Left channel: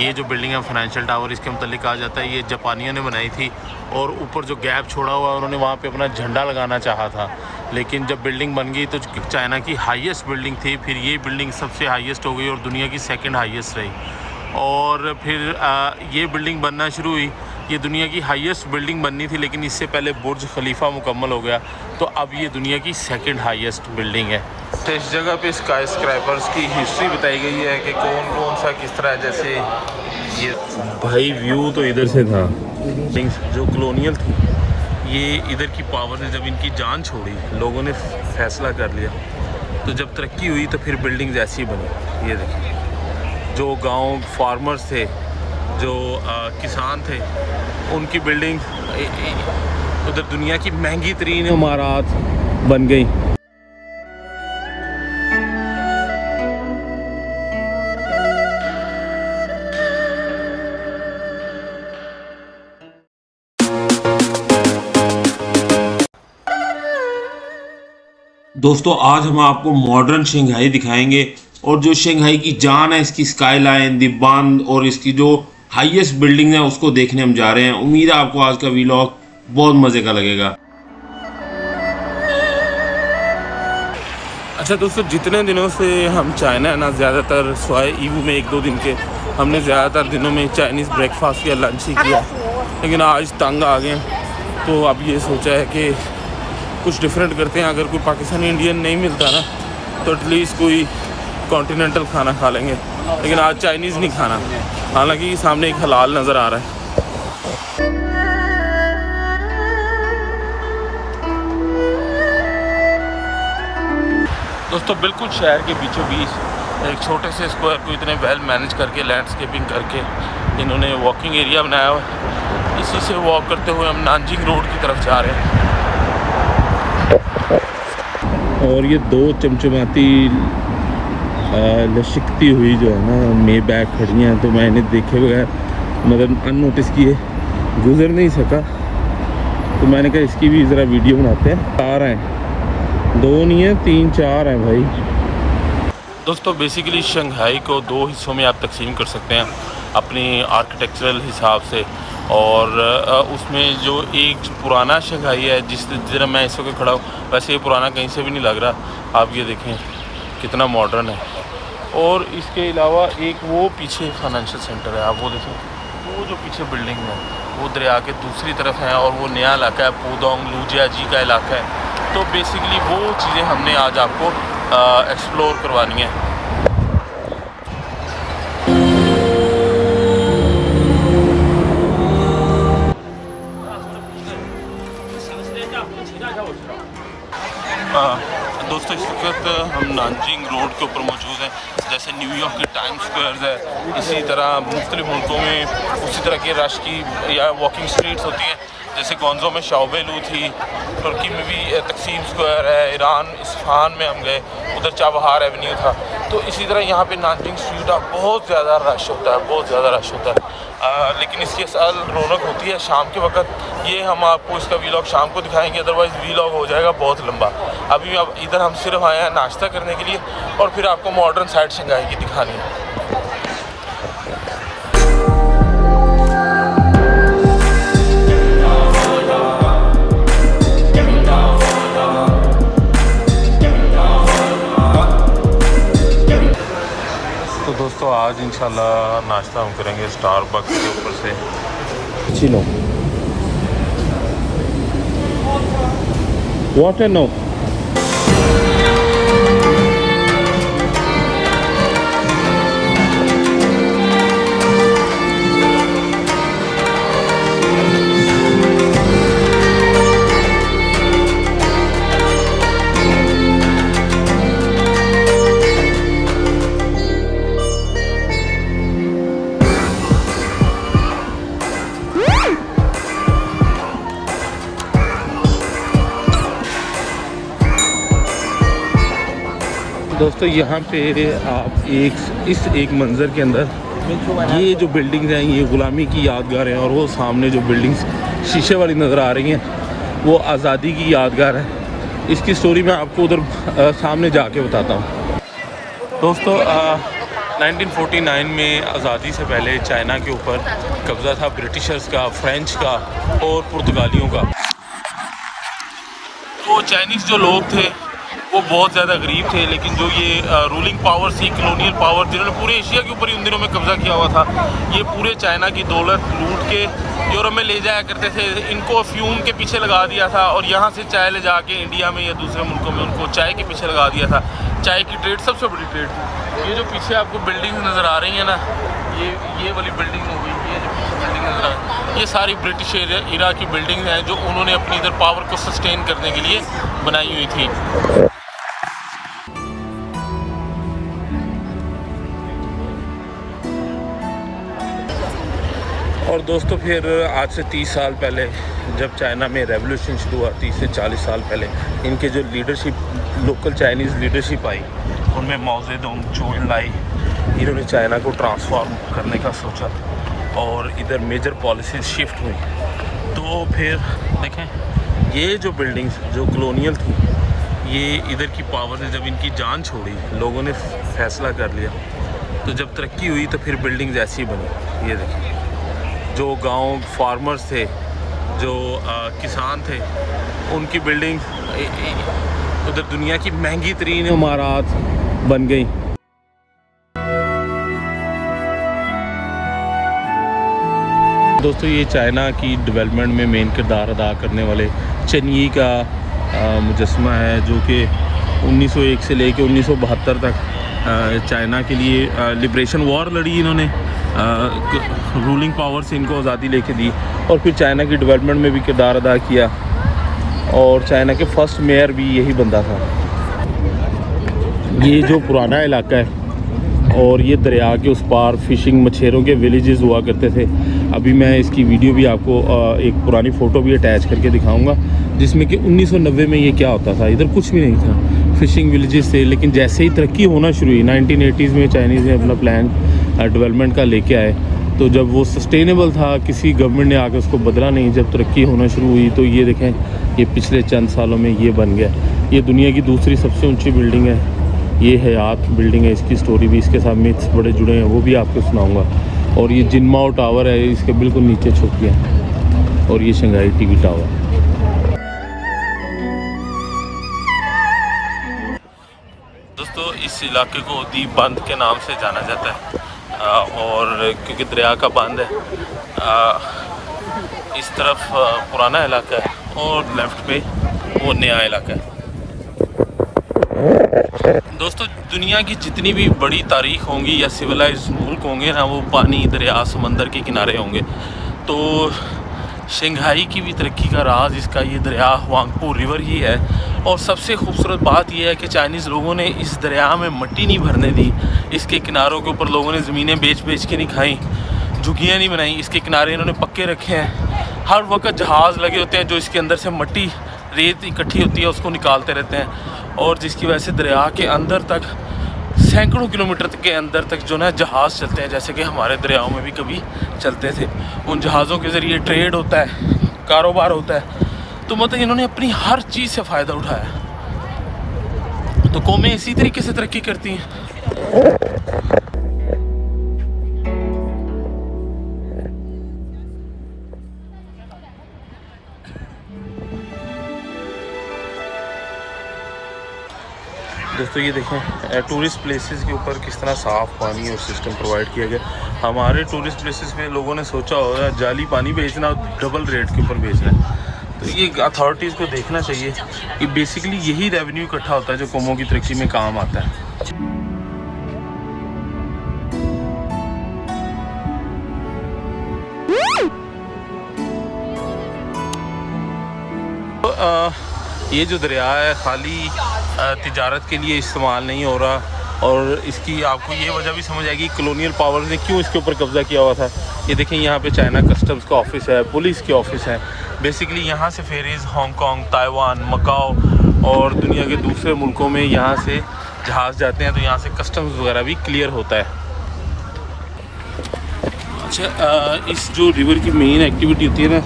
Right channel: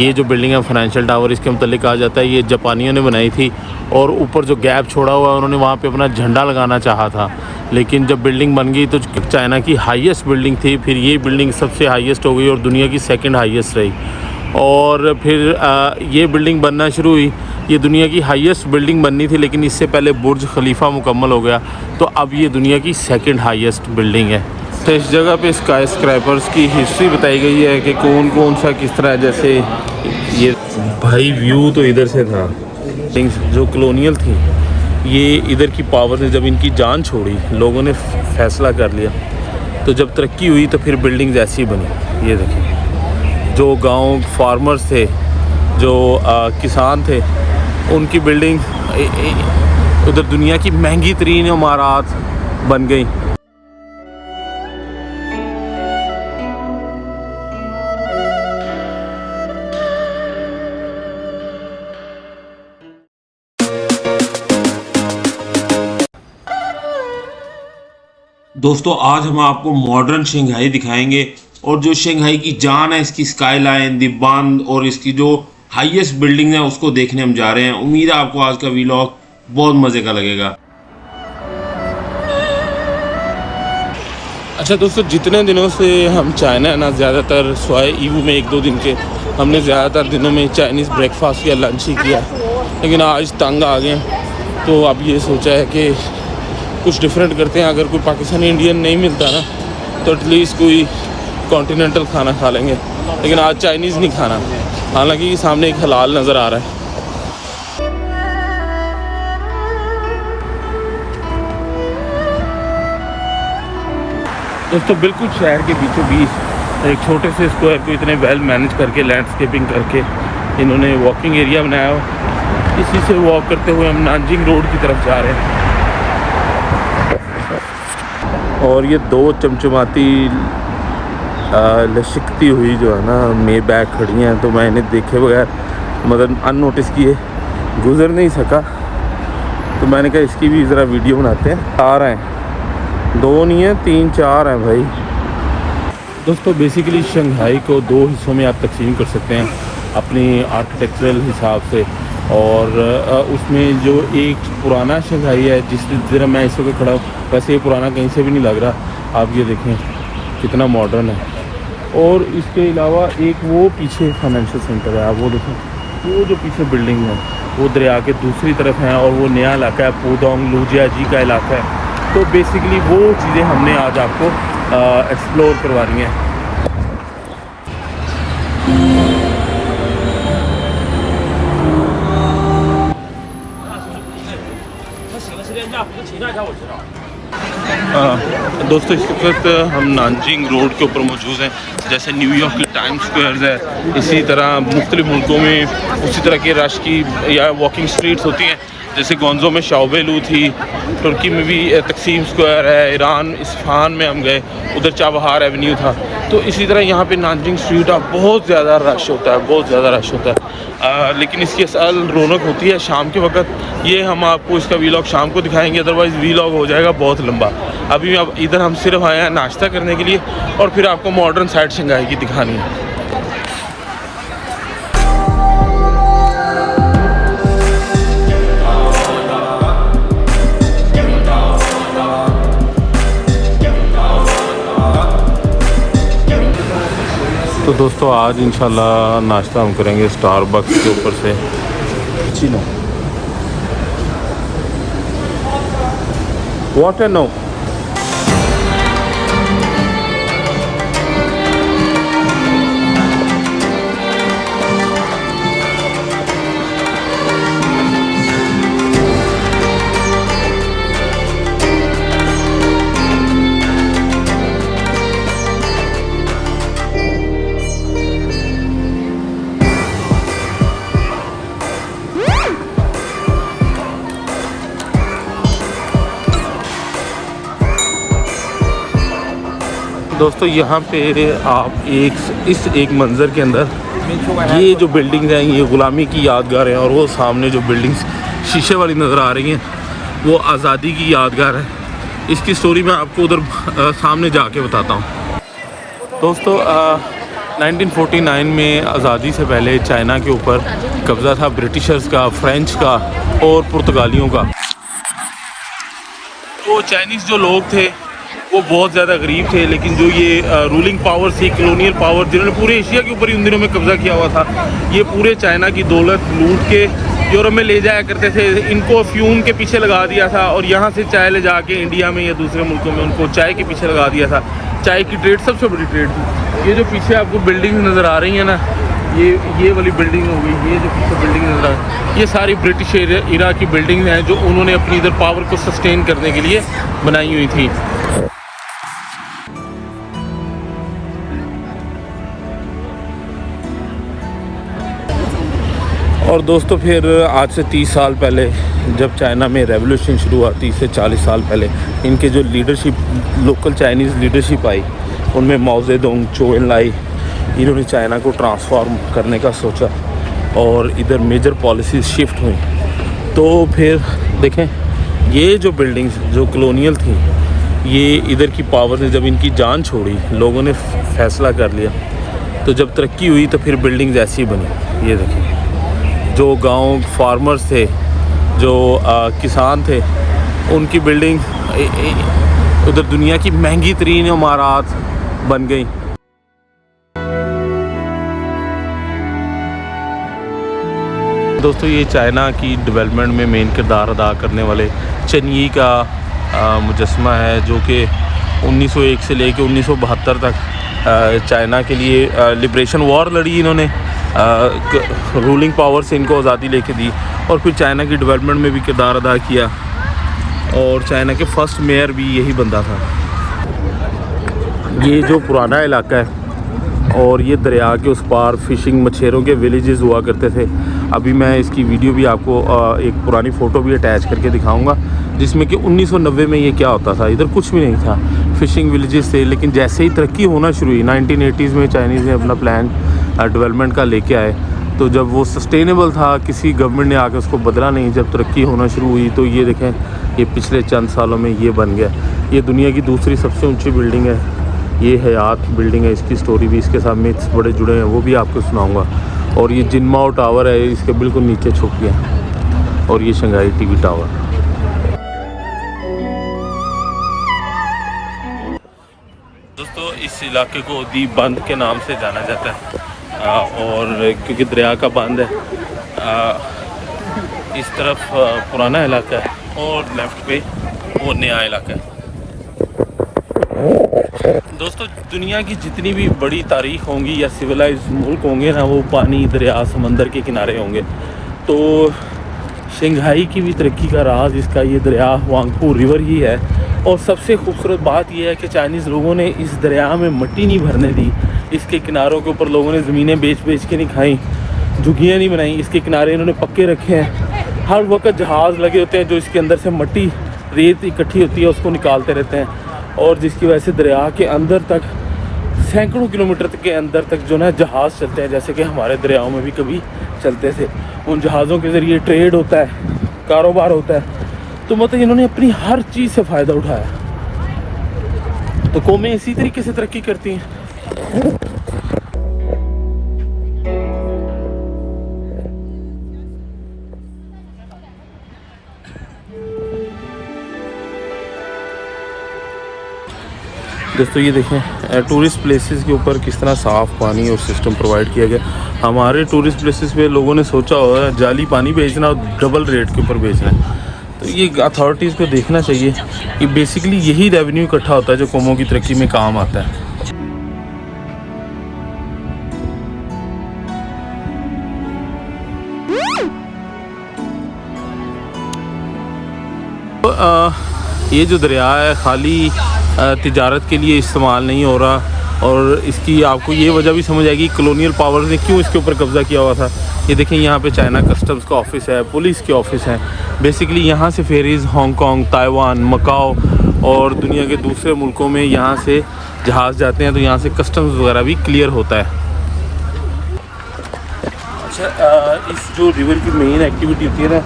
ये जो बिल्डिंग है फाइनेंशियल टावर, इसके मतलब कहा जाता है ये जापानियों ने बनाई थी और ऊपर जो गैप छोड़ा हुआ है उन्होंने वहाँ पे अपना झंडा लगाना चाहा था, लेकिन जब बिल्डिंग बन गई तो चाइना की हाईएस्ट बिल्डिंग थी, फिर ये बिल्डिंग सबसे हाईएस्ट हो गई और दुनिया की सेकंड हाईएस्ट रही। और फिर ये बिल्डिंग बनना शुरू हुई। ये दुनिया की हाईएस्ट बिल्डिंग बननी थी, लेकिन इससे पहले बुर्ज खलीफा मुकम्मल हो गया, तो अब ये दुनिया की सेकंड हाईएस्ट बिल्डिंग है। तो इस जगह पे स्काई स्क्रैपर्स की हिस्ट्री बताई गई है कि कौन कौन सा किस तरह, जैसे ये भाई व्यू तो इधर से था, जो कॉलोनियल थी ये इधर की पावर ने जब इनकी जान छोड़ी, लोगों ने फैसला कर लिया, तो जब तरक्की हुई तो फिर बिल्डिंग्स ऐसी बनी। ये देखिए, जो गांव फार्मर्स थे, जो किसान थे, उनकी बिल्डिंग उधर दुनिया की महंगी तरीन इमारत बन गई। दोस्तों आज हम आपको मॉडर्न शंघाई दिखाएंगे और जो शंघाई की जान है, इसकी स्काईलाइन, दी बांध और इसकी जो हाईएस्ट बिल्डिंग है उसको देखने हम जा रहे हैं। उम्मीद है आपको आज का व्लॉग बहुत मजे का लगेगा। अच्छा दोस्तों, जितने दिनों से हम चाइना है ना, ज़्यादातर स्वाय ईवू में 1-2 दिन के हमने ज़्यादातर दिनों में चाइनीज़ ब्रेकफास्ट या लंच ही किया, लेकिन आज तंग आ गए, तो अब ये सोचा है कि कुछ डिफरेंट करते हैं। अगर कोई पाकिस्तानी इंडियन नहीं मिलता ना तो एटलीस्ट कोई कॉन्टिनेंटल खाना खा लेंगे, लेकिन आज चाइनीज़ नहीं खाना, हालांकि सामने एक हलाल नज़र आ रहा है। दोस्तों बिल्कुल शहर के बीचों बीच एक छोटे से स्क्वायर को इतने वेल मैनेज करके, लैंडस्केपिंग करके इन्होंने वॉकिंग एरिया बनाया हुआ। इसी से वॉक करते हुए हम नानजिंग रोड की तरफ जा रहे हैं। और ये 2 चमचमाती लचकती हुई जो है ना मे बैग खड़ी हैं, तो मैं इन्हें देखे बगैर, मतलब अननोटिस किए गुजर नहीं सका, तो मैंने कहा इसकी भी ज़रा वीडियो बनाते हैं। 4 हैं, 2 नहीं हैं, 3-4 हैं भाई। दोस्तों बेसिकली शंघाई को 2 हिस्सों में आप तकसीम कर सकते हैं अपनी आर्किटेक्चरल हिसाब से, और उसमें जो एक पुराना शंघाई है, जिस तरह मैं इस वक्त खड़ा हूँ, वैसे ये पुराना कहीं से भी नहीं लग रहा। आप ये देखें कितना मॉडर्न है। और इसके अलावा एक वो पीछे फाइनेंशियल सेंटर है, आप वो देखें, वो जो पीछे बिल्डिंग है वो दरिया के दूसरी तरफ है, और वो नया इलाका है, पुडोंग लुजियाजी का इलाका है। तो बेसिकली वो चीज़ें हमने आज आपको एक्सप्लोर करवानी है। दोस्तों इस वक्त हम नानजिंग रोड के ऊपर मौजूद हैं। जैसे न्यूयॉर्क की टाइम्स स्क्वायर है, इसी तरह मुख्तलिफ मुल्कों में उसी तरह के रश की या वॉकिंग स्ट्रीट्स होती हैं। जैसे गोंजो में शाओबेलू थी, तुर्की में भी तकसीम स्क्वायर है, ईरान इस्फहान में हम गए, उधर चाबहार एवेन्यू था। तो इसी तरह यहाँ पे नानजिंग स्ट्रीट बहुत ज़्यादा रश होता है, बहुत ज़्यादा रश होता है। लेकिन इसकी असल रौनक होती है शाम के वक्त। ये हम आपको इसका वीलॉग शाम को दिखाएंगे, अदरवाइज़ वीलॉग हो जाएगा बहुत लंबा। अभी अब इधर हम सिर्फ आए हैं नाश्ता करने के लिए, और फिर आपको मॉडर्न साइड शंघाई की दिखानी है। तो दोस्तों आज इंशाल्लाह नाश्ता हम करेंगे स्टारबक्स के ऊपर से। वाटर नो दोस्तों यहाँ पे आप एक मंज़र के अंदर ये जो बिल्डिंग है ये ग़ुलामी की यादगार है, और वो सामने जो बिल्डिंग्स शीशे वाली नज़र आ रही हैं वो आज़ादी की यादगार है। इसकी स्टोरी मैं आपको उधर सामने जाके बताता हूँ। दोस्तों 1949 में आज़ादी से पहले चाइना के ऊपर कब्ज़ा था ब्रिटिशर्स का, फ्रेंच का और पुर्तगालियों का। तो चाइनीज़ जो लोग थे वो बहुत ज़्यादा गरीब थे, लेकिन जो ये रूलिंग पावर थी, कॉलोनियल पावर, जिन्होंने पूरे एशिया के ऊपर ही उन दिनों में कब्ज़ा किया हुआ था, ये पूरे चाइना की दौलत लूट के यूरोप में ले जाया करते थे। इनको फ्यूम के पीछे लगा दिया था और यहाँ से चाय ले जाके इंडिया में या दूसरे मुल्कों में उनको चाय के पीछे लगा दिया था। चाय की ट्रेड सबसे बड़ी ट्रेड थी। ये जो पीछे आपको बिल्डिंग नज़र आ रही है ना, ये वाली बिल्डिंग हो गई, ये जो पीछे बिल्डिंग नज़र आ रही है, ये सारी ब्रिटिश इरा की बिल्डिंग हैं जो उन्होंने अपनी इधर पावर को सस्टेन करने के लिए बनाई हुई थी। और दोस्तों फिर आज से 30 साल पहले जब चाइना में रेवोल्यूशन शुरू हुआ, 30 से 40 साल पहले इनके जो leadership, local Chinese leadership I, उनमें माओ जेडोंग, चो एनलाई, इन्होंने चाइना को ट्रांसफॉर्म करने का सोचा और इधर मेजर पॉलिसीज़ शिफ्ट हुई। तो फिर देखें ये जो बिल्डिंग्स जो कॉलोनियल थी, ये इधर की पावर ने जब इनकी जान छोड़ी, लोगों ने फैसला कर लिया, तो जब तरक्की हुई तो फिर बिल्डिंग्स ऐसी बनी। ये देखें जो गांव फार्मर्स थे, जो किसान थे, उनकी बिल्डिंग उधर दुनिया की महंगी तरीन इमारत बन गई। दोस्तों ये चाइना की डेवलपमेंट में मेन किरदार अदा करने वाले चेंग का मुजस्मा है, जो कि 1901 से लेके 1972 तक चाइना के लिए लिबरेशन वॉर लड़ी इन्होंने, रूलिंग पावर से इनको आज़ादी लेके दी और फिर चाइना की डेवलपमेंट में भी किरदार अदा किया और चाइना के फर्स्ट मेयर भी यही बंदा था। ये जो पुराना इलाका है और ये दरिया के उस पार फ़िशिंग मछेरों के विलेजेस हुआ करते थे। अभी मैं इसकी वीडियो भी आपको एक पुरानी फ़ोटो भी अटैच करके दिखाऊंगा, जिसमें कि 1990 में ये क्या होता था, इधर कुछ भी नहीं था, फ़िशिंग विलेजेस थे। लेकिन जैसे ही तरक्की होना शुरू हुई 1980s में चाइनीज़ ने अपना प्लान डेवलपमेंट का लेके आए, तो जब वो सस्टेनेबल था किसी गवर्नमेंट ने आके उसको बदला नहीं। जब तरक्की होना शुरू हुई तो ये देखें, ये पिछले चंद सालों में ये बन गया। ये दुनिया की दूसरी सबसे ऊँची बिल्डिंग है, ये हयात बिल्डिंग है। इसकी स्टोरी भी, इसके साथ मिथ्स बड़े जुड़े हैं, वो भी आपको सुनाऊंगा। और ये जिनमाओ टावर है, इसके बिल्कुल नीचे छुप गया। और ये शंघाई टीवी टावर। दोस्तों इस इलाके को दी बंद के नाम से जाना जाता है और क्योंकि दरिया का बंद है। इस तरफ पुराना इलाका है और लेफ्ट पे वो नया इलाका है। दोस्तों दुनिया की जितनी भी बड़ी तारीख होंगी या सिविलाइज मुल्क होंगे ना, वो पानी, दरिया, समंदर के किनारे होंगे। तो शंघाई की भी तरक्की का राज इसका ये दरिया हुआंगपू रिवर ही है। और सबसे खूबसूरत बात यह है कि चाइनीज़ लोगों ने इस दरिया में मिट्टी नहीं भरने दी। इसके किनारों के ऊपर लोगों ने ज़मीनें बेच के नहीं खाई, झुग्गियाँ नहीं बनाई, इसके किनारे इन्होंने पक्के रखे हैं। हर वक्त जहाज़ लगे होते हैं जो इसके अंदर से मिट्टी, रेत इकट्ठी होती है, उसको निकालते रहते हैं। और जिसकी वजह से दरिया के अंदर तक सैकड़ों किलोमीटर के अंदर तक जो ना जहाज़ चलते हैं, जैसे कि हमारे दरियाओं में भी कभी चलते थे। उन जहाज़ों के ज़रिए ट्रेड होता है, कारोबार होता है। तो मतलब इन्होंने अपनी हर चीज़ से फ़ायदा उठाया। तो कौमें इसी तरीके से तरक्की करती हैं। दोस्तों ये देखें टूरिस्ट प्लेसेस के ऊपर किस तरह साफ़ पानी और सिस्टम प्रोवाइड किया गया। हमारे टूरिस्ट प्लेसेस पे लोगों ने सोचा होगा जाली पानी बेचना और डबल रेट के ऊपर बेचना है। तो ये अथॉरिटीज़ को देखना चाहिए कि बेसिकली यही रेवेन्यू इकट्ठा होता है जो कौमों की तरक्की में काम आता है। ये जो दरिया है खाली तिजारत के लिए इस्तेमाल नहीं हो रहा और इसकी आपको ये वजह भी समझ आएगी कॉलोनियल पावर ने क्यों इसके ऊपर कब्ज़ा किया हुआ था। ये देखें यहाँ पे चाइना कस्टम्स का ऑफिस है, पुलिस के ऑफिस है। बेसिकली यहाँ से फेरीज़ हांगकांग, ताइवान, मकाओ और दुनिया के दूसरे मुल्कों में यहाँ से जहाज़ जाते हैं, तो यहाँ से कस्टम्स वगैरह भी क्लियर होता है। अच्छा इस जो रिवर की मेन एक्टिविटी होती है ना,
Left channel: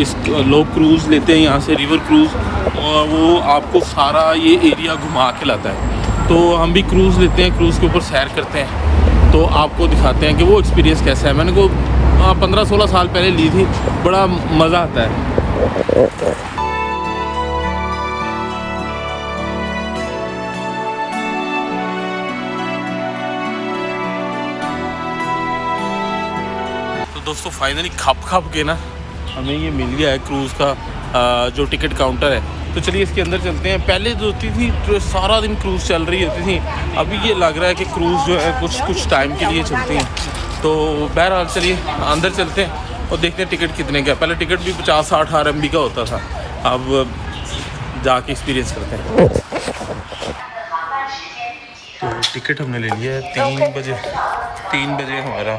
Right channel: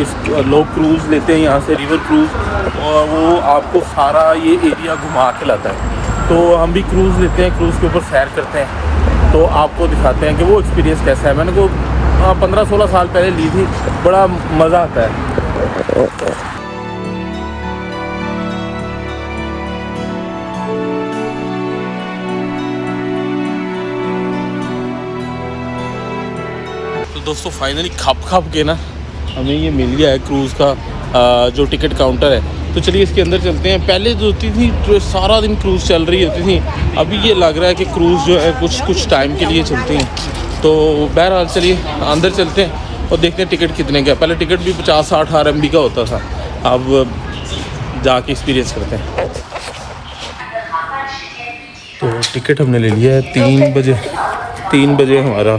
इस लोग क्रूज़ लेते हैं यहाँ से, रिवर क्रूज़, और वो आपको सारा ये एरिया घुमा के लाता है। तो हम भी क्रूज़ लेते हैं, क्रूज़ के ऊपर सैर करते हैं। तो आपको दिखाते हैं कि वो एक्सपीरियंस कैसा है। मैंने को 15-16 साल पहले ली थी, बड़ा मज़ा आता है। तो दोस्तों फाइनली खप के ना हमें ये मिल गया है क्रूज़ का जो टिकट काउंटर है। तो चलिए इसके अंदर चलते हैं। पहले जो होती थी तो सारा दिन क्रूज़ चल रही होती थी, अभी ये लग रहा है कि क्रूज़ जो है कुछ टाइम के लिए चलती हैं। तो बहरहाल चलिए अंदर चलते हैं और देखते हैं टिकट कितने का। पहले टिकट भी 50-60 RMB का होता था, अब जाके एक्सपीरियंस करते हैं। तो टिकट हमने ले लिया है 3 बजे हमारा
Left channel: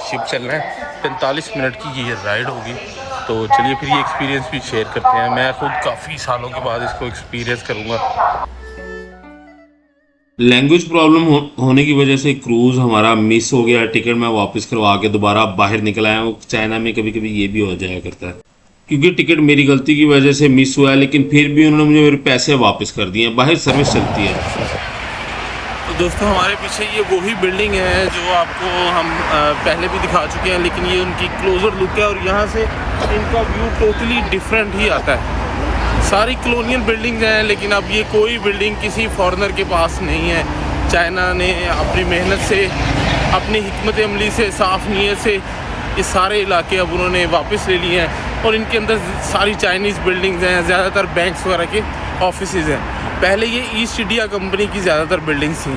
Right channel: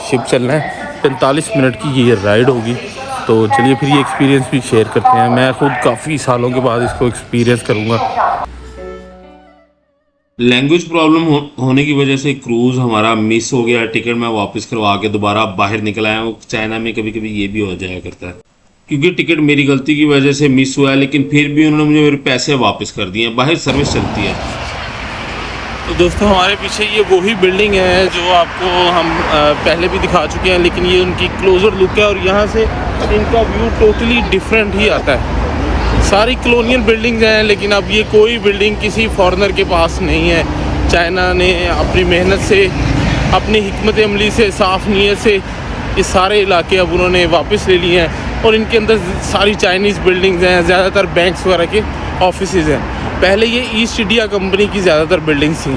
शिप चलना है। 45 मिनट की ये राइड होगी। तो चलिए फिर ये एक्सपीरियंस भी शेयर करते हैं। मैं खुद काफ़ी सालों के बाद इसको एक्सपीरियंस करूँगा। लैंग्वेज प्रॉब्लम होने की वजह से क्रूज़ हमारा मिस हो गया। टिकट मैं वापस करवा के दोबारा बाहर निकल आया हूँ। चाइना में कभी कभी ये भी हो जाया करता है, क्योंकि टिकट मेरी गलती की वजह से मिस हुआ है, लेकिन फिर भी उन्होंने मुझे मेरे पैसे वापस कर दिए हैं। बाहर सर्विस चलती है। तो दोस्तों हमारे पीछे ये वही बिल्डिंग है जो आपको हम पहले भी दिखा चुके हैं, लेकिन ये उनकी क्लोज़र लुक है और यहाँ से इनका व्यू टोटली डिफरेंट ही आता है। सारी कॉलोनियल बिल्डिंग्स हैं, लेकिन अब ये कोई बिल्डिंग किसी फॉरेनर के पास नहीं है। चाइना ने अपनी मेहनत से, अपनी हिकमत अमली से, साफ़ नीयत से ये सारे इलाके अब उन्होंने वापस ले लिए हैं और इनके अंदर सारी चाइनीज़ बिल्डिंग्स हैं। ज़्यादातर बैंक्स वगैरह के ऑफिसेज़ हैं। पहले ये ईस्ट इंडिया कंपनी की ज़्यादातर बिल्डिंग्स थी।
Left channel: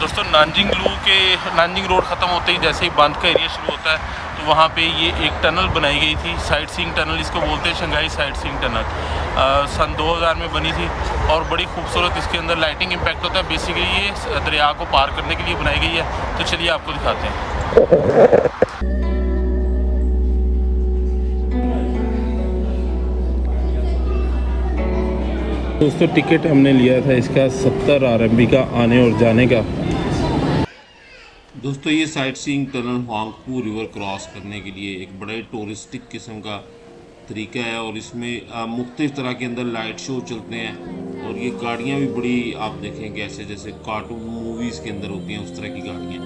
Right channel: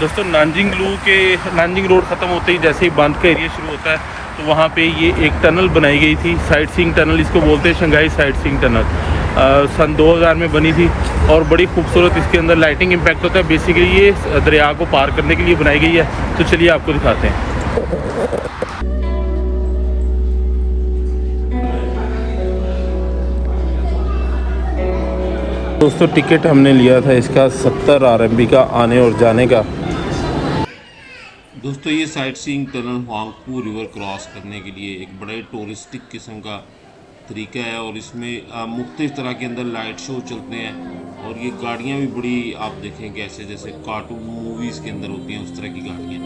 दोस्तों नानजिंग रोड ख़त्म होते ही जैसे ही बांध का एरिया शुरू होता है, तो वहाँ पे ये एक टनल बनाई गई थी, साइट सीइंग टनल इसको बोलते हैं, शंघाई साइट सीइंग टनल। सन 2000 में बनी थी और बड़ी खूबसूरत इसके अंदर लाइटिंग इम्पैक्ट होता है। बेसिकली ये दरिया को पार करने के लिए बनाई गई है। तो चलिए आपको दिखाते हैं। दोस्तों टिकट हमने लिया था इसका 70 RMB का आने और जाने का। दोस्तों ये sightseeing tunnel Huangpu river cross करने के लिए एक बड़े टूरिस्टिक किस्म का तरीका है और इसमें मुख्तलिफ तरह के अंदर लाइट शो चलते हैं और ये गाड़ियाँ भी बड़ी, आप देखें कैसे जैसे कार्टून मूवीज़ के अंदर होती हैं उस तरह की गाड़ियाँ।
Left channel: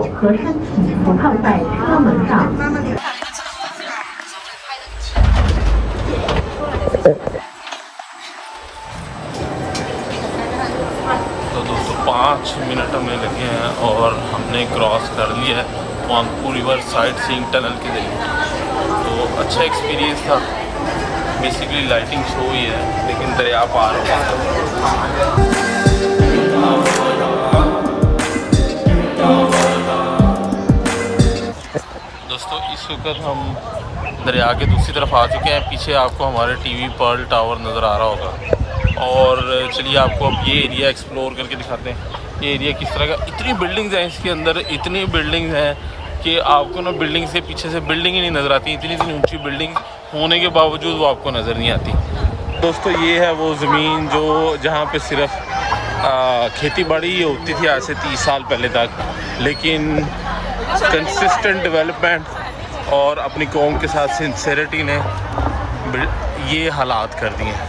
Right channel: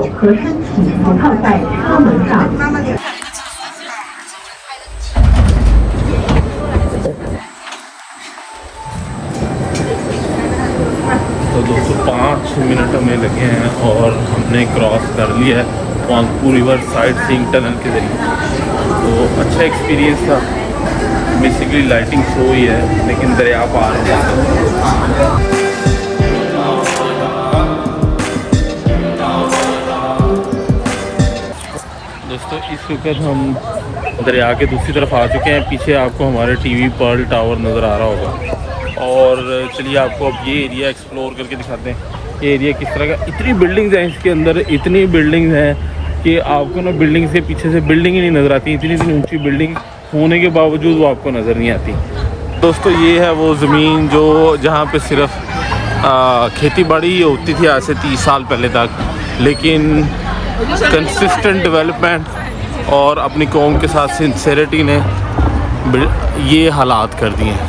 तो दोस्तों 5 मिनट हमें लगे हैं और हमने क्रॉस कर लिया है हुआंगपू रिवर साइट सीइंग टनल के ज़रिए। तो अच्छा एक्सपीरियंस था। बेसिकली लाइटिंग शो ही है, लेकिन दरिया पार है। दोस्तों इस वक्त हम दरिया के दूसरी तरफ आ चुके हैं। पीछे आपको हमारे टीवी पर्ल टावर नज़र आ रहा होगा और चलिए आपको अब ये एरिया एक्सप्लोर करके दिखाते हैं। ये एरिया किस तरह का, इतनी बिल्डिंग्स हैं इसके अंदर, इतनी बिल्डिंग्स हैं कि आपको ना बिल्डिंग से पीछे से बिल्डिंग ही नहीं नज़र आती। इतनी ऊंची बिल्डिंग होने के बावजूद वो आपको नज़र नहीं आती। दोस्तों ये है वो ज़मीन जो जहाँ पे सिर्फ खेती बाड़ी होती थी आज से 30 साल पहले तक, लेकिन कंसिस्टेंट डेवलपमेंट और अपनी कौम के साथ सिंसेरिटी ने ये हालात कर दिए हैं।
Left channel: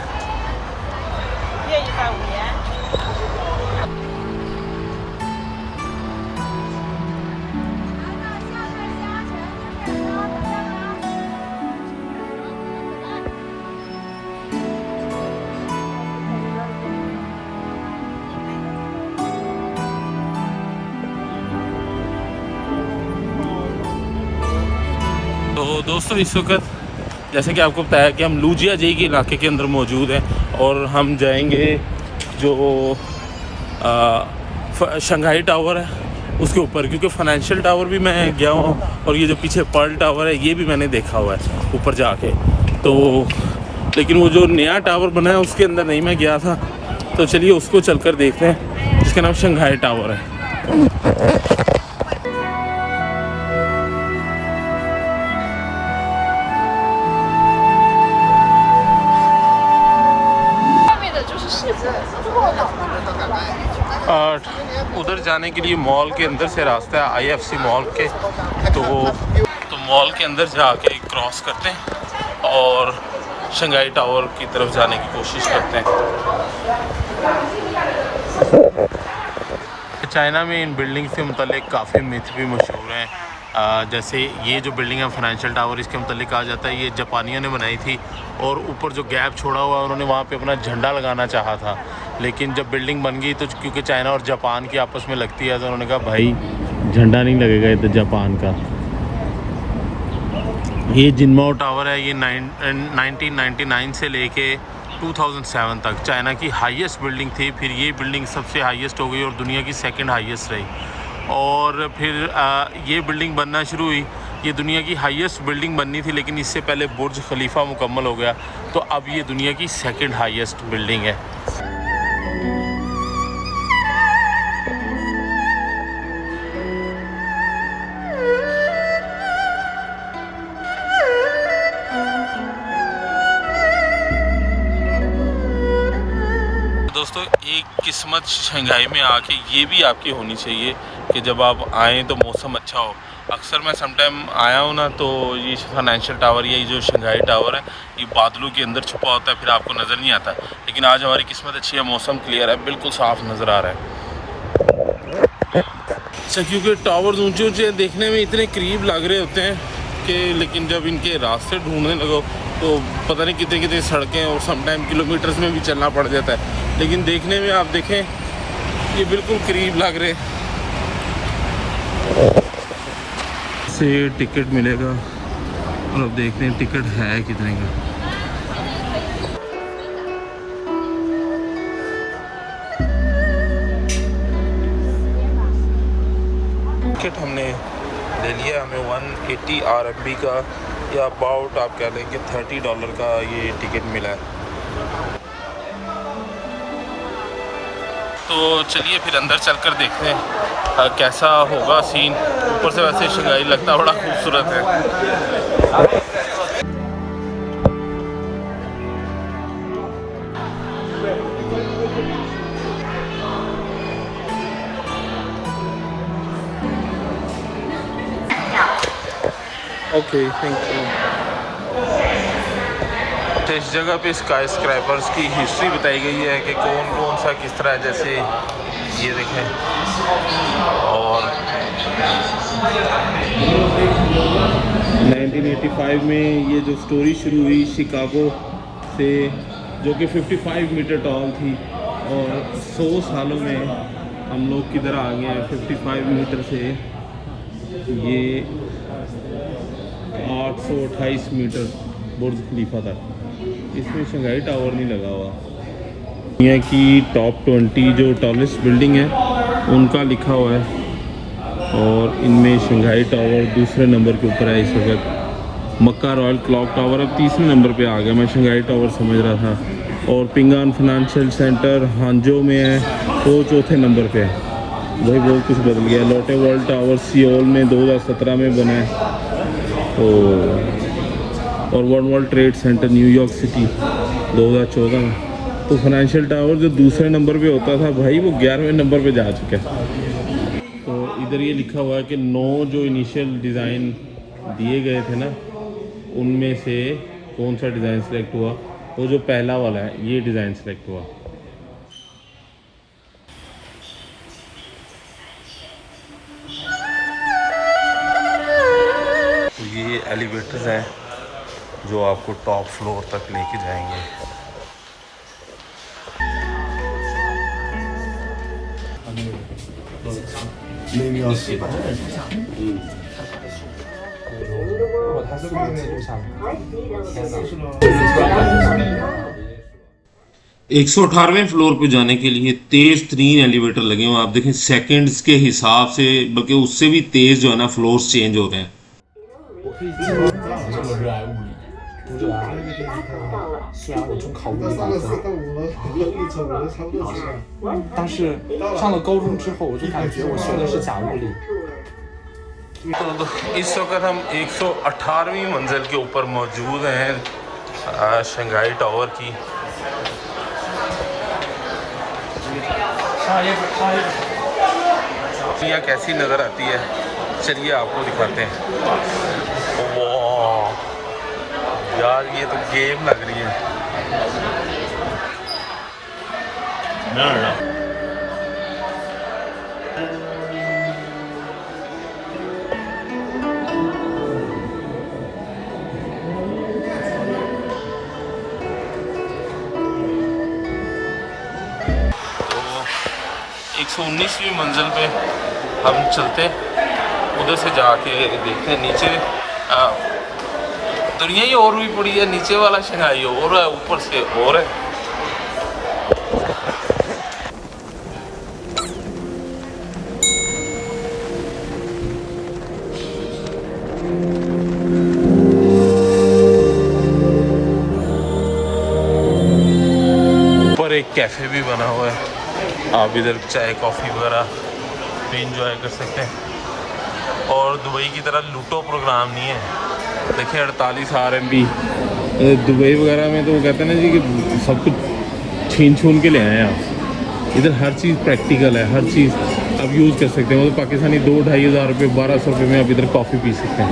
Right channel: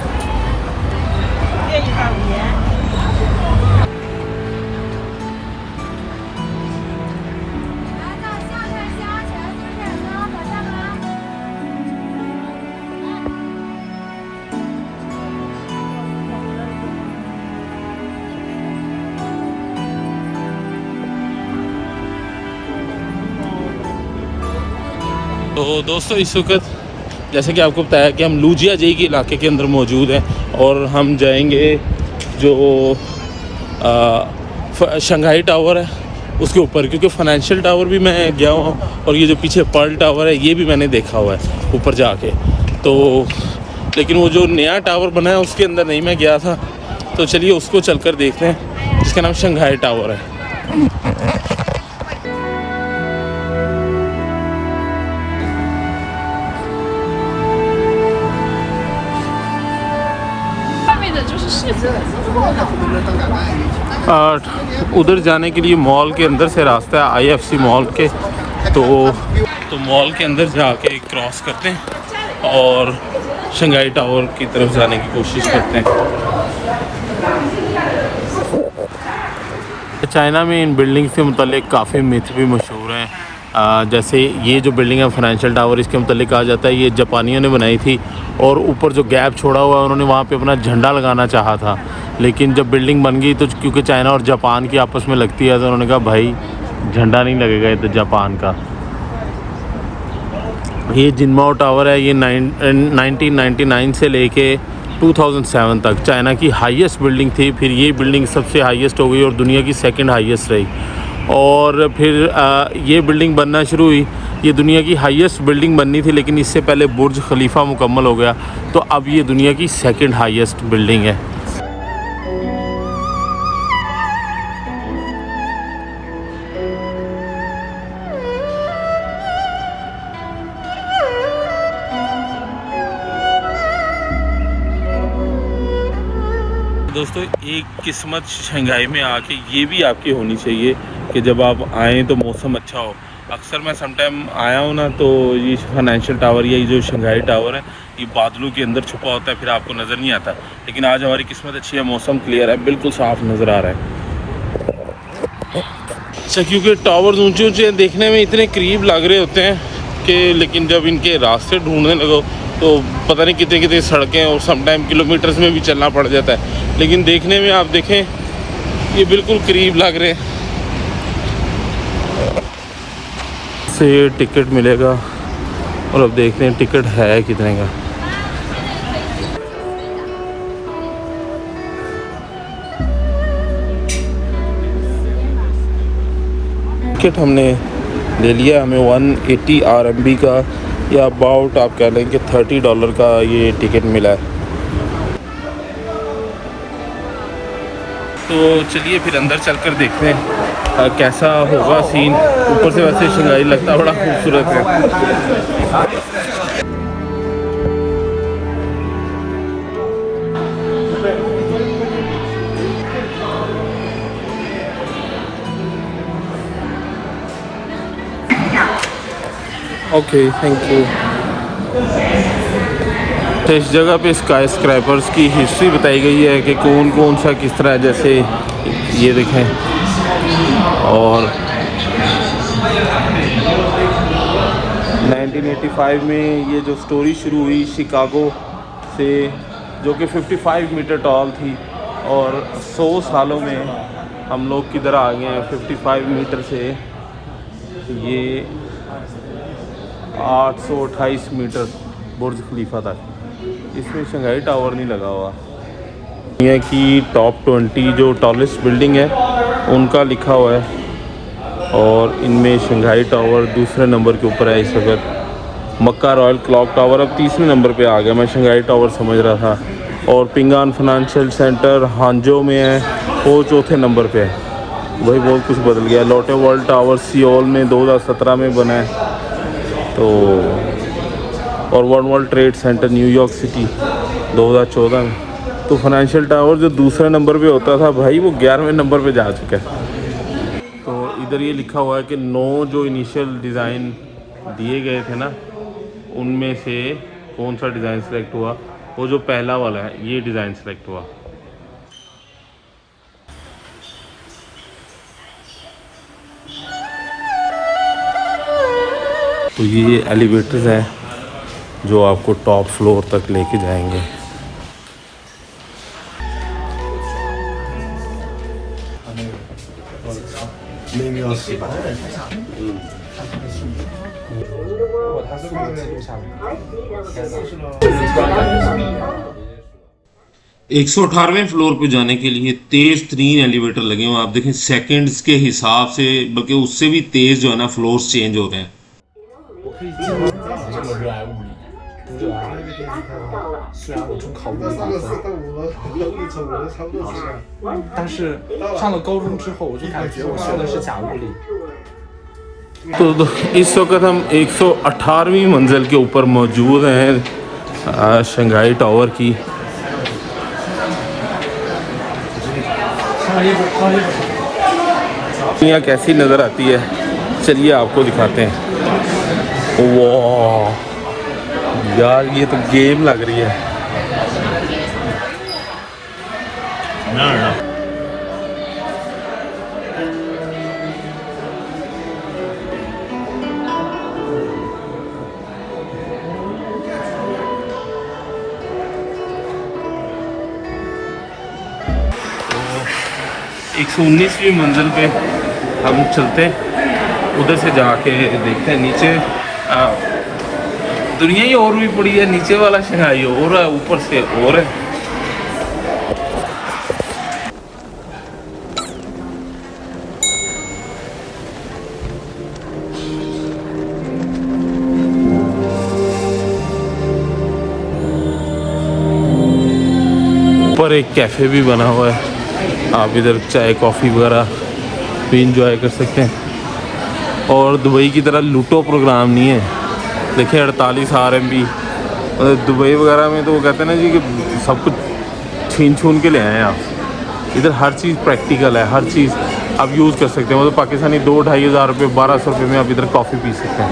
तो दोस्तों इस वक्त जैसे कि आपको बताया कि हम लुजिया जेई के इलाके के अंदर मौजूद हैं और हम जाएंगे जो शंघाई टावर है उसके ऊपर, क्योंकि फाइनेंशियल टावर भी मैं गया हूँ और ये जो पीछे पर्ल टावर है ये भी मैंने देखा हुआ है ऊपर जाके। तो लेकिन वो जो नया टावर बना है उसके अंदर नहीं मैं गया था, तो चलिए उसको चलकर देखते हैं, जिसका नाम शंघाई टावर है। उधर जाने के लिए मॉल के अंदर से रास्ता है, आईएफसी मॉल के। तो मॉल के अंदर जाके क्रॉस करते हैं और शंघाई टावर की तरफ जाने की कोशिश करते हैं। चाइना में इन बिल्डिंग्स के मुतालिक काफ़ी मिथ भी मशहूर हैं। जैसे ये जो बिल्डिंग है फाइनेंशियल टावर, इसके मुतालिक कहा जाता है ये जापानियों ने बनाई थी और ऊपर जो गैप छोड़ा हुआ है उन्होंने वहाँ पे अपना झंडा लगाना चाहा था, लेकिन जब बिल्डिंग बन गई तो क्योंकि चाइना और जापान की आपस में लगती है तो उन्होंने कहा भाई झंडा नहीं लगेगा ये तो जापान का। ये जिनमाओ टावर है, ये 1999 से लेके 2007 तक चाइना की हाईएस्ट बिल्डिंग थी। फिर ये बिल्डिंग सबसे हाईएस्ट हो गई और दुनिया की सेकंड हाईएस्ट रही। और फिर ये बिल्डिंग बनना शुरू हुई। ये दुनिया की हाईएस्ट बिल्डिंग बननी थी, लेकिन इससे पहले बुर्ज खलीफा मुकम्मल हो गया, तो अब ये दुनिया की सेकंड हाईएस्ट बिल्डिंग है। दोस्तों एक किस्मत शंघाई में आके ये भी आपकी होनी चाहिए कि जब आप आएँ तो मौसम अच्छा हो। अक्सर मैं समटाइम आया हूँ ना, तो ये फाइनेंशियल टावर या ये जो शंघाई टावर है ये बादलों के अंदर छुपा होता है, फिर आपको नज़र नहीं आता। लेकिन आज हमारी किस्मत अच्छी है, मौसम क्लियर है, बिल्कुल साफ़ नज़र आ रहा है। अच्छा, क्योंकि टावर्स ऊँचे ऊँचे देखने में इतने करीब लग रहे होते हैं कि लेकिन जब इनके रास्ते ढूंढने लगो तो पता नहीं कितने कितने सड़कें और समटाइम किलोमीटर्स में भी चलना पड़ जाता है, लेकिन देखने में आप देखें ये बिल्कुल करीब लग रहे हैं। से टिकट मिलेगा और अब देखते हैं टिकट है कितने का। टिकट हमने ले लिया, हमें 180 RMB का या अबाउट आप कह लें कि $30 का ये टिकट मिला है। तो चलिए फिर अंदर चलकर देखते हैं कैसा होगा सीन। ऊपर से वैसे शंघाई लगता बड़ा खूबसूरत है। Okay, thank you. तो इस जगह पे स्काई स्क्रैपर्स की हिस्ट्री बताई गई है कि कौन कौन सा किस तरह, जैसे ये देखें। और 1985 में ये जो स्टोरी शुरू हुई शिकागो से, जो कि 55 मीटर टॉल थी, और 100 सालों में हम लोग किधर आ गए हैं 55 मीटर से ये 828 मीटर बुर्ज खलीफा तक। इसमें शंघाई टावर नहीं लगा हुआ। दुनिया की टॉप 20 जो टॉलेस्ट बिल्डिंग है उनका लिखा हुआ है और इनमें शंघाई टावर दूसरे नंबर के ऊपर है इस वक्त। मक्का रॉयल क्लॉक टावर अब तीसरे नंबर पे आ गया, मैं शंघाई टावर समझ रहा था। और पिंगान फाइनेंशियल सेंटर हांजो में है, वो चौथे नंबर पे है। भाई बहुत कुछ बदल गया। लोटे वर्ल्ड टावर सियोल में 2017 में बना है। तो और one world trade centre New York city 2014 में। तो फाइनेंशियल टावर जो दूसरे नंबर पे होता था भाई, वो 11वें नंबर पे जा चुका है। तो इधर ये लिखा हुआ है कि 9 जो इनिशियल डिज़ाइन दिए गए थे ना, उनमें से कौन सा डिज़ाइन सेलेक्ट हुआ, वो जो पहला वाला है ये डिज़ाइन सेलेक्ट हुआ। तो ये एलिवेटर्स हैं जो आपको टॉप फ्लोर तक लेके जाएंगे। एक 118वें फ्लोर पे जाने के लिए तेज तरीन एलिवेटर लगे हुए हैं। आप देखें सेकंड्स के हिसाब से, बल्कि उससे भी तेज जो है ना फ्लोर्स चेंज हो रहे हैं। 虽然我中考物理打分，但是上了高中之后，我就感觉我学的是假物理。 तो इस वक्त हम 118वीं मंजिल के ऊपर मौजूद हैं शंघाई टावर की। दुनिया कैसी नज़र आती है, चलिए आपको दिखाते हैं। वाह यार, ये तो गेम लग रही है। तो 119वीं मंजिल पे हम चलते हैं, उधर से जाके देखते हैं नीचे। दुनिया ही और भी पड़ी है, नीचे वाला शंघाई और है, ऊपर से और है। ऊपर एक कैफ़े भी बना हुआ है, आप इधर चाय कॉफ़ी वगैरह भी इंजॉय कर सकते हैं। और दुबई की तरह लूटो प्रोग्राम नहीं है। देखिए 48 RMB दुबई वगैरह में तो वो कहते हैं ना जी कि सब कुछ छीन छून के ले आए हैं आप। इधर हर चीज़ प्रैक्टिकल है, हर चीज़ आप यूज़ कर सकते हैं। मतलब पाकिस्तानी 2-2.5 हज़ार रुपये 1200 रुपये में आप इधर कॉफ़ी पी सकते हैं।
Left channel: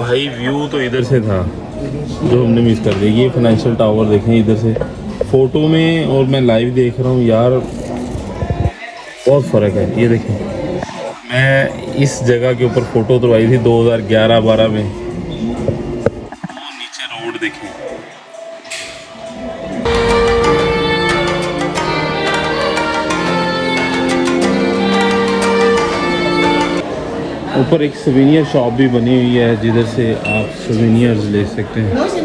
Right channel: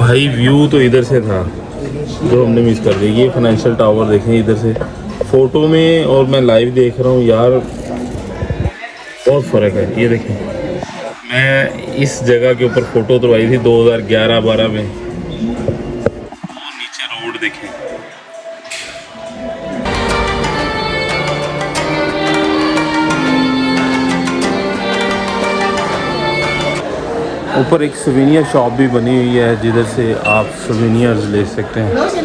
भाई व्यू तो इधर से था जो हमने मिस कर दिया। ये फाइनेंशियल टावर देखें इधर से फ़ोटो में और मैं लाइव देख रहा हूँ यार, बहुत फ़र्क है। ये देखें, मैं इस जगह के ऊपर फ़ोटो उतरवाई थी 2011-12 में। नीचे रोड देखें, ऊपर एक सोवेनियर शॉप भी बनी हुई है जिधर से आप सोवेनियर्स ले सकते हैं। दोस्तों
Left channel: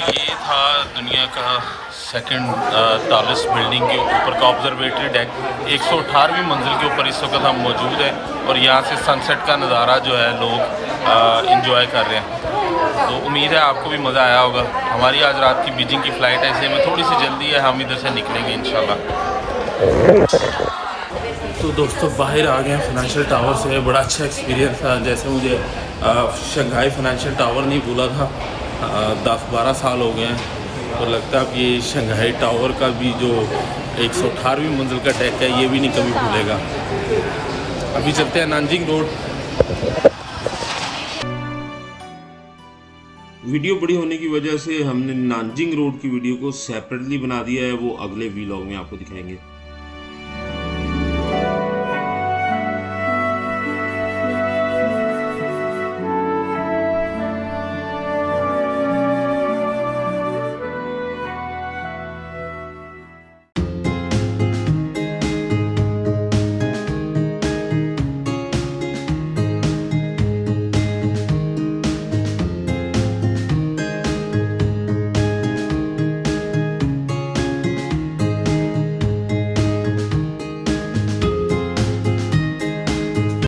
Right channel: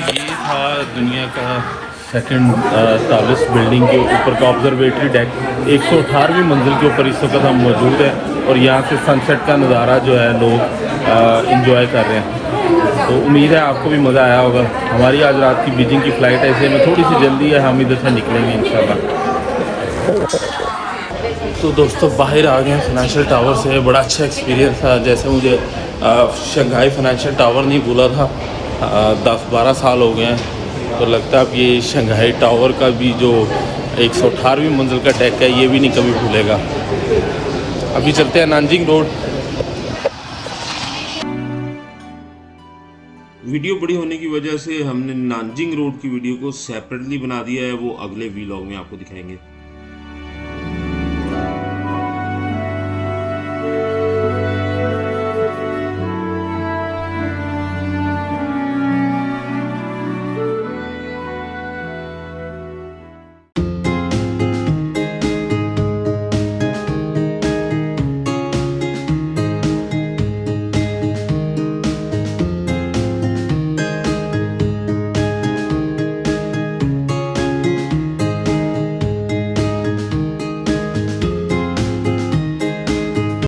ये था दुनिया का सेकंड टॉलेस्ट बिल्डिंग के ऊपर का ऑब्जर्वेटरी डेक। 118वीं मंजिल के ऊपर इस वक्त हम मौजूद हैं और यहाँ से सनसेट का नज़ारा जो है लोग इंजॉय कर रहे हैं। तो उम्मीद है आपको भी मज़ा आया होगा। हमारी आज रात की बीजिंग की फ़्लाइट ऐसे में थोड़ी सी जल्दी है, हम इधर से निकलेंगे इंशाल्लाह। तो दोस्तों बाहर आ गए हैं फाइनेंशियल टावर से। बड़ा अच्छा एक्सपीरियंस था। जैसे मुझे शंघाई फाइनेंशियल टावर नहीं भूला था, 10-12 साल हो गए हैं। तो लगता है अब ये शंघाई टावर का भी जो 118वीं मंजिल का डेक है ये भी नहीं कभी भूलेगा। अभी चलते हैं नानजिंग रोड। वीडियो बड़ी होने की वजह से हमने नानजिंग रोड की वीडियो को सेपरेटली बना दिया है, वो अगले व्लॉग में आपको दिखाएंगे।